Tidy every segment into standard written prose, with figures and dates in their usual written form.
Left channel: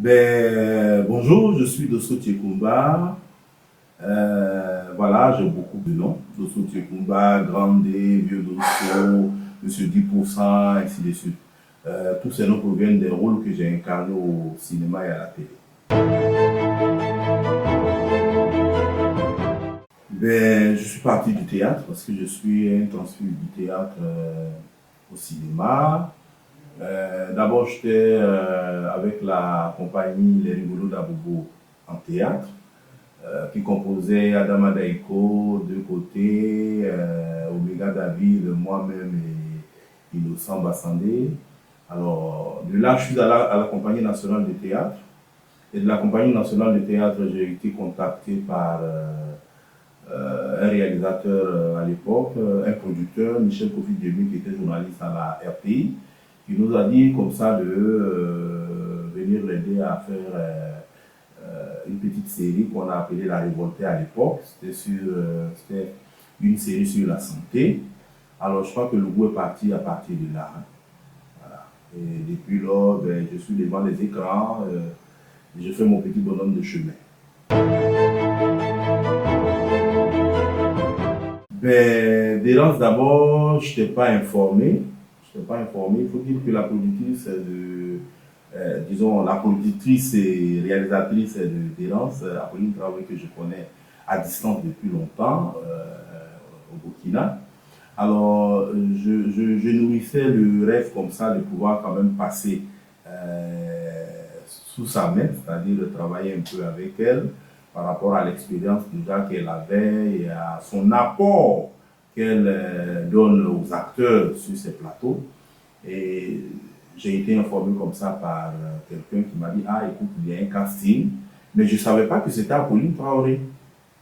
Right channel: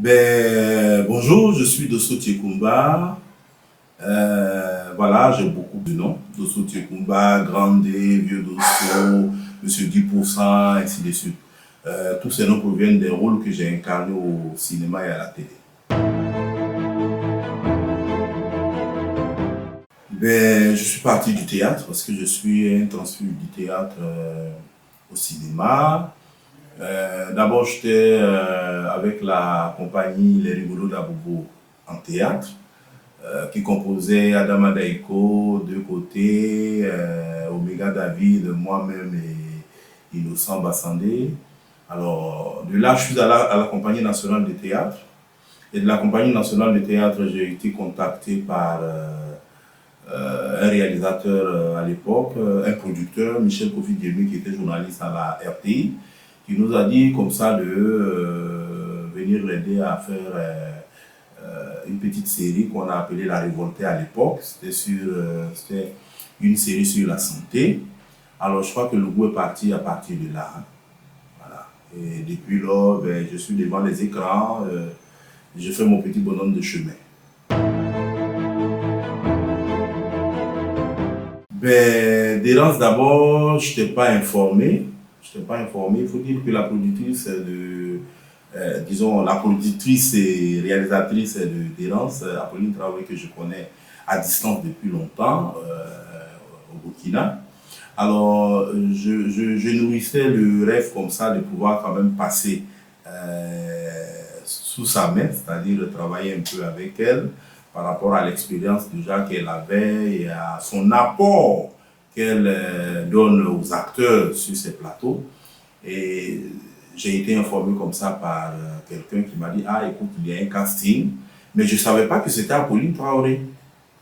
Bonjour, je suis Dosso Tiekumba. Voilà, j'ai beaucoup de noms. Dosso Tiekumba, Grandé, Vieux Dosso, Monsieur 10%, ainsi de suite. Tous ces noms proviennent des rôles que j'ai incarnés au cinéma et à la télé. Je suis parti du théâtre parce que je suis un transfert du théâtre au cinéma. D'abord, j'étais avec la compagnie Les Rigolos d'Abobo en théâtre, qui composait Adama Daiko, Deux Côtés, Omega David, moi-même et Innocent Bassandé. Alors, de là, je suis à la Compagnie nationale de théâtre. Et de la Compagnie nationale de théâtre, j'ai été contacté par un réalisateur à l'époque, un producteur, Michel Kofi Diémé, qui était journaliste à la RTI, qui nous a dit comme ça de venir l'aider à faire une petite série qu'on a appelée La Révoltée à l'époque. C'était une série sur la santé. Alors je crois que le goût est parti à partir de là. Voilà. Et depuis lors, je suis devant les écrans, je fais mon petit bonhomme de chemin. D'errance d'abord, je n'étais pas informé. Je n'étais pas informé. Il faut dire que la productrice disons, la productrice et réalisatrice de d'Errance, Apolline Traoré, que je connais à distance depuis longtemps au Burkina. Alors, je nourrissais le rêve comme ça de pouvoir quand même passer sous sa main, c'est-à-dire travailler un peu avec elle par rapport à l'expérience déjà qu'elle avait et à son apport qu'elle donne aux acteurs sur ces plateaux. Et j'ai été informé comme ça par quelqu'un qui m'a dit « Ah, écoute, il y a un casting ». Mais je ne savais pas que c'était Apolline Traoré.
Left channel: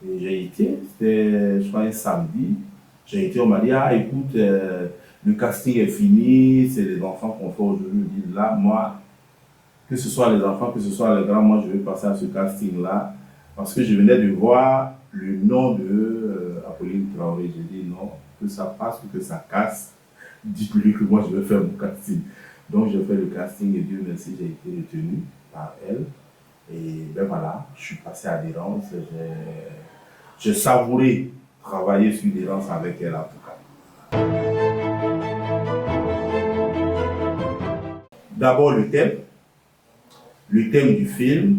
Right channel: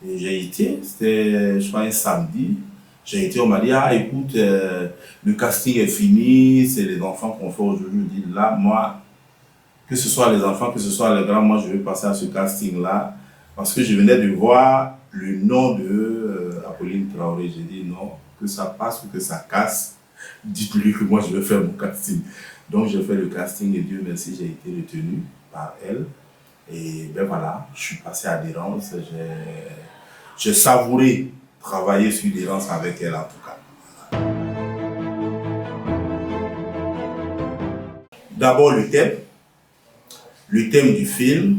Et j'ai été, c'était, je crois, un samedi. J'ai été, on m'a dit « Ah, écoute, le casting est fini, c'est les enfants qu'on fait aujourd'hui ». Je dis « Là, moi, que ce soit les enfants, que ce soit les grands, moi, je vais passer à ce casting-là. » Parce que je venais de voir le nom de Apolline Traoré. J'ai dit « Non, que ça passe ou que ça casse. Dites-lui que moi, je vais faire mon casting. » Donc, j'ai fait le casting et Dieu merci, j'ai été retenu par elle. Et voilà, je suis passé à Dérance. J'ai savouré travailler sur Dérance avec elle en tout cas. D'abord le thème du film,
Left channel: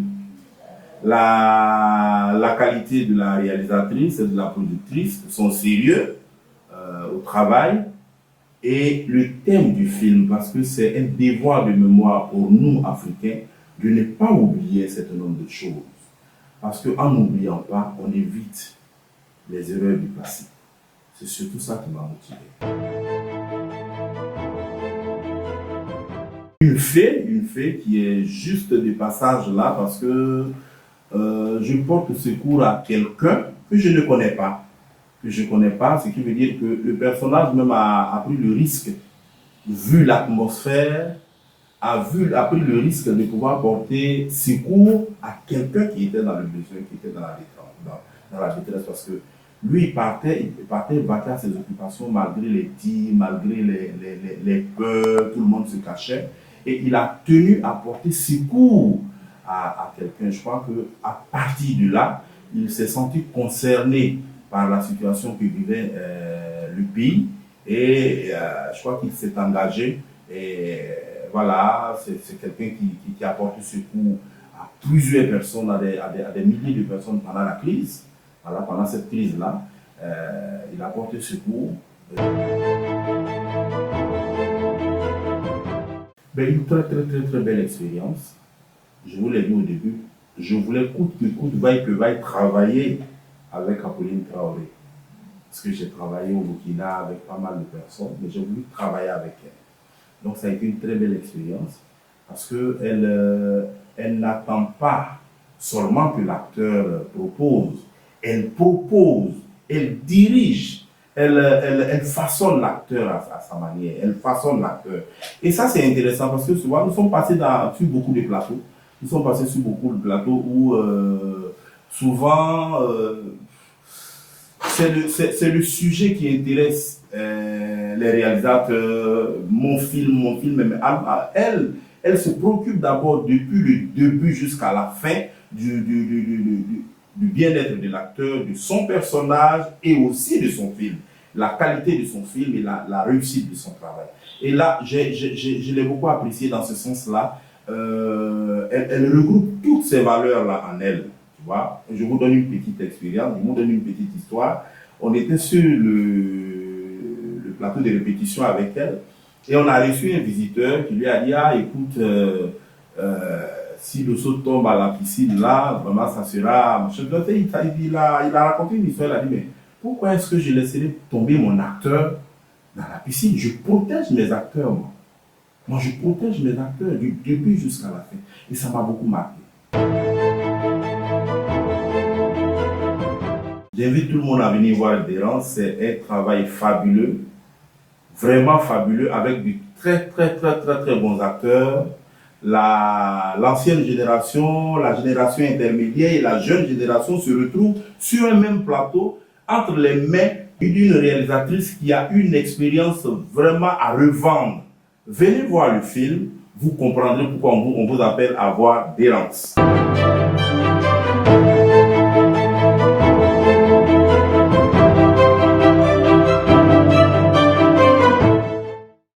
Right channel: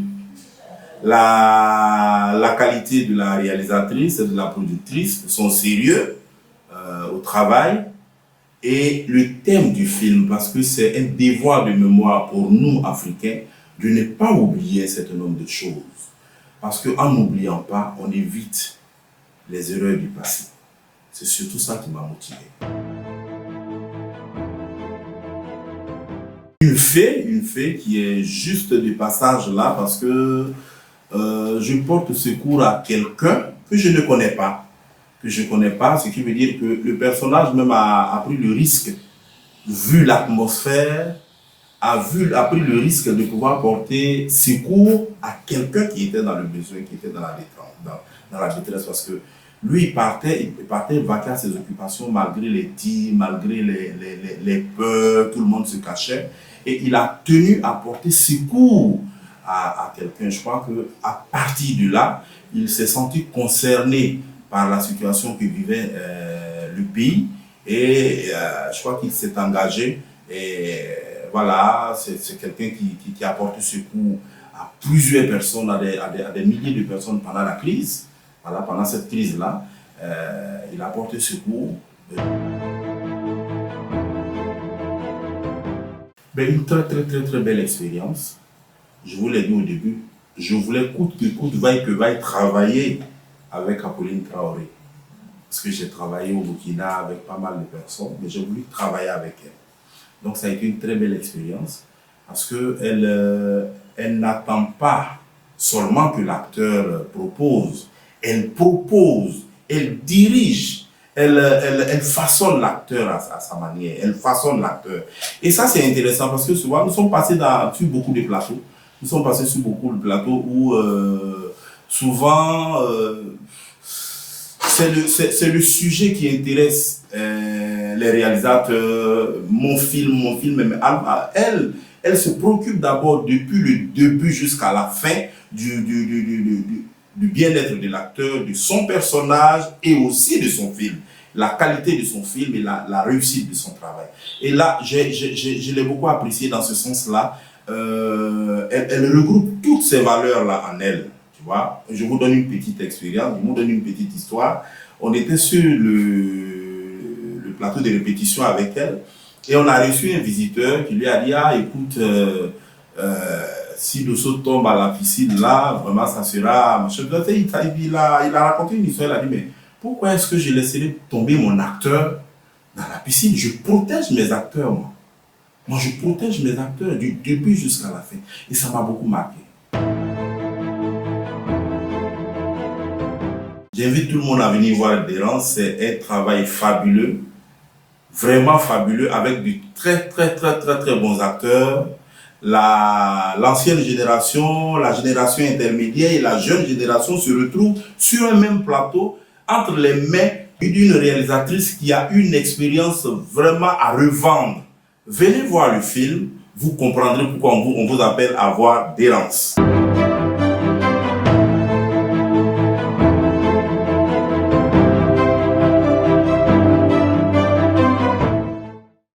la qualité de la réalisatrice et de la productrice, son sérieux au travail, et le thème du film, parce que c'est un devoir de mémoire pour nous, Africains, de ne pas oublier un certain nombre de choses. Parce qu'en n'oubliant pas, on évite les erreurs du passé. C'est surtout ça qui m'a motivé. Une fée qui est juste de passage là, parce que je porte secours à quelqu'un que je ne connais pas. Ce qui veut dire que le personnage même a pris le risque, vu l'atmosphère, a pris le risque de pouvoir porter secours à quelqu'un qui était dans le besoin, qui était dans la détresse, parce que lui, il partait vaquer à ses occupations malgré les tirs, malgré les peurs, tout le monde se cachait, et il a tenu à porter secours à quelqu'un. Je crois qu'à partir de là, il s'est senti concerné par la situation que vivait le pays, et je crois qu'il s'est engagé, et voilà, c'est quelqu'un qui a porté secours à plusieurs personnes, à des milliers de personnes pendant la crise. Voilà, pendant cette crise-là, il a porté secours. Une très belle expérience. Je vous l'ai dit au début, je voulais coûte que coûte, vaille que vaille, travailler avec Apolline Traoré. Parce que j'ai travaillé au Burkina avec pas mal de personnes, mais j'ai voulu travailler avec elle. Donc ça a été une très belle expérience parce qu'elle elle n'attend pas seulement que l'acteur propose, elle propose, elle dirige, elle façonne l'acteur à sa manière, elle façonne l'acteur. Et ça c'est intéressant parce que souvent nous sommes passés sur beaucoup de plateaux, où souvent c'est le sujet qui intéresse les réalisateurs, mon film, mais elle, Elle se préoccupe d'abord depuis le début jusqu'à la fin du bien-être de l'acteur, de son personnage et aussi de son film. La qualité de son film et la réussite de son travail. Et là, je l'ai beaucoup apprécié dans ce sens-là. Elle regroupe toutes ces valeurs-là en elle. Tu vois, je vous donne une petite expérience, je vous donne une petite histoire. On était sur le plateau de répétition avec elle et on a reçu un visiteur qui lui a dit, ah écoute, si le saut tombe à la piscine là, vraiment ça sera... Il a raconté une histoire, il a dit, mais pourquoi est-ce que je laisserai tomber mon acteur dans la piscine? Je protège mes acteurs, moi. Moi, je protège mes acteurs du début jusqu'à la fin. Et ça m'a beaucoup marqué. J'invite tout le monde à venir voir Dérance. C'est un travail fabuleux, vraiment fabuleux, avec de très bons acteurs. L'ancienne génération, la génération intermédiaire et la jeune génération se retrouvent sur un même plateau entre les mains d'une réalisatrice qui a une expérience vraiment à revendre. Venez voir le film, vous comprendrez pourquoi on vous appelle à voir Dérance.